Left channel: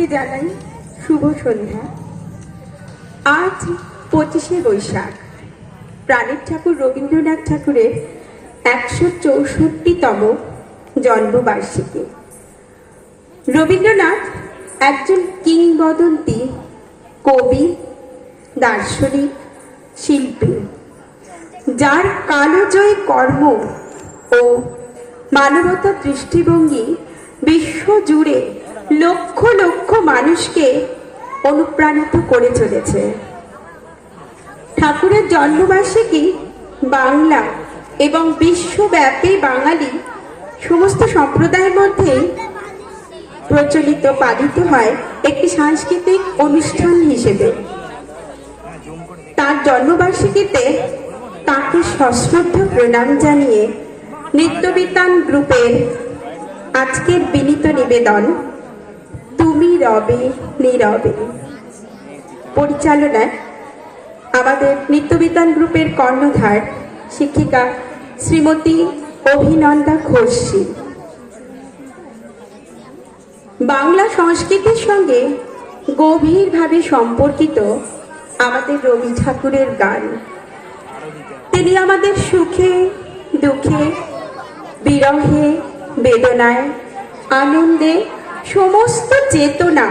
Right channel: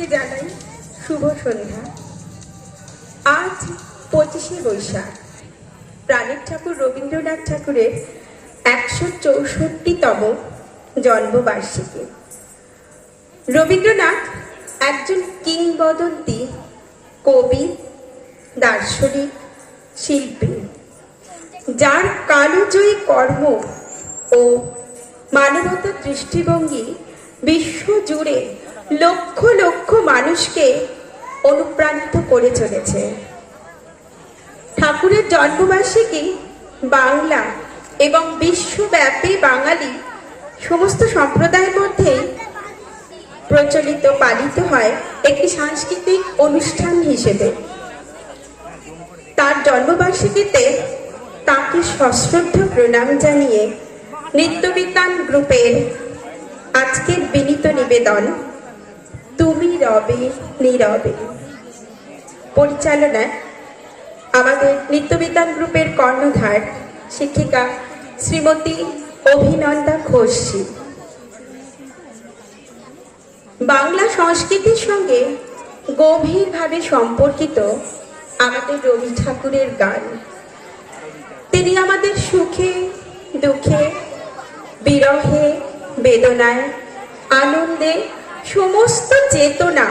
সবাইকে জানাই শুভ সন্ধ্যা। আজ 25শে বৈশাখ, প্রাণের ঠাকুর রবীন্দ্রনাথ ঠাকুরের 164তম জন্মবার্ষিকী। রবীন্দ্রনাথ একজন কিংবদন্তি কবি, দার্শনিক, শিল্পী, যার কালজয়ী কর্ম ও মানবতার দৃষ্টিভঙ্গি বিশ্ব জুড়ে লক্ষ লক্ষ মানুষকে অনুপ্রাণিত করে চলেছে। ঠাকুরের জন্মবার্ষিকী বাংলা এবং বিশ্বব্যাপী বাঙালি সমস্ত সম্প্রদায়ের মধ্যে প্রচলিত পালিত হয় একটি সাংস্কৃতিক অনুষ্ঠান হিসেবে। তার জন্মবার্ষিকীতে তাকে সশ্রদ্ধ প্রণাম জানিয়ে নিত্যবিতান গ্রুপের আজকের বিনীত নিবেদন তুমি রবে নীরবে। পরিচালনায় আমাদের নিত্যবিতান গ্রুপের কর্ণধার শিক্ষিকা শ্রীমতী অভিনন্দা ঘোষী। বাংলা সংস্কৃতির সঙ্গে গভীরভাবে সম্পর্কিত আমাদের রবি ঠাকুরের গান। তিনি আমাদের সুখে দুঃখে, বিরহে বেদনায়, আনন্দে সমস্ত চেতনা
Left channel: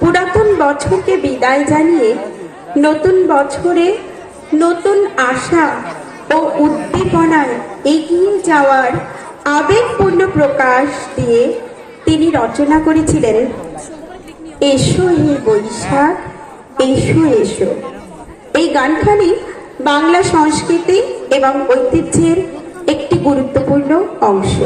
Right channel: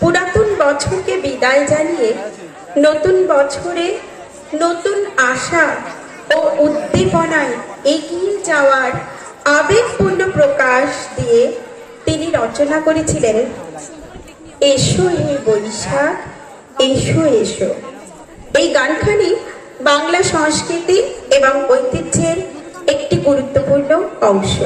পুরাতন বছরকে বিদায় জানিয়ে নতুন বছরে নতুন আশা ও উদ্দীপনায় এগিয়ে যাওয়ার আবেগপূর্ণ প্রকাশ দিয়ে তিনি রচনা করেছিলেন এসো হে বৈশাখ এসো এসো। এই গানখানি বাংলা সংস্কৃতি এবং ঐতিহ্যের একটি গুরুত্বপূর্ণ অংশ।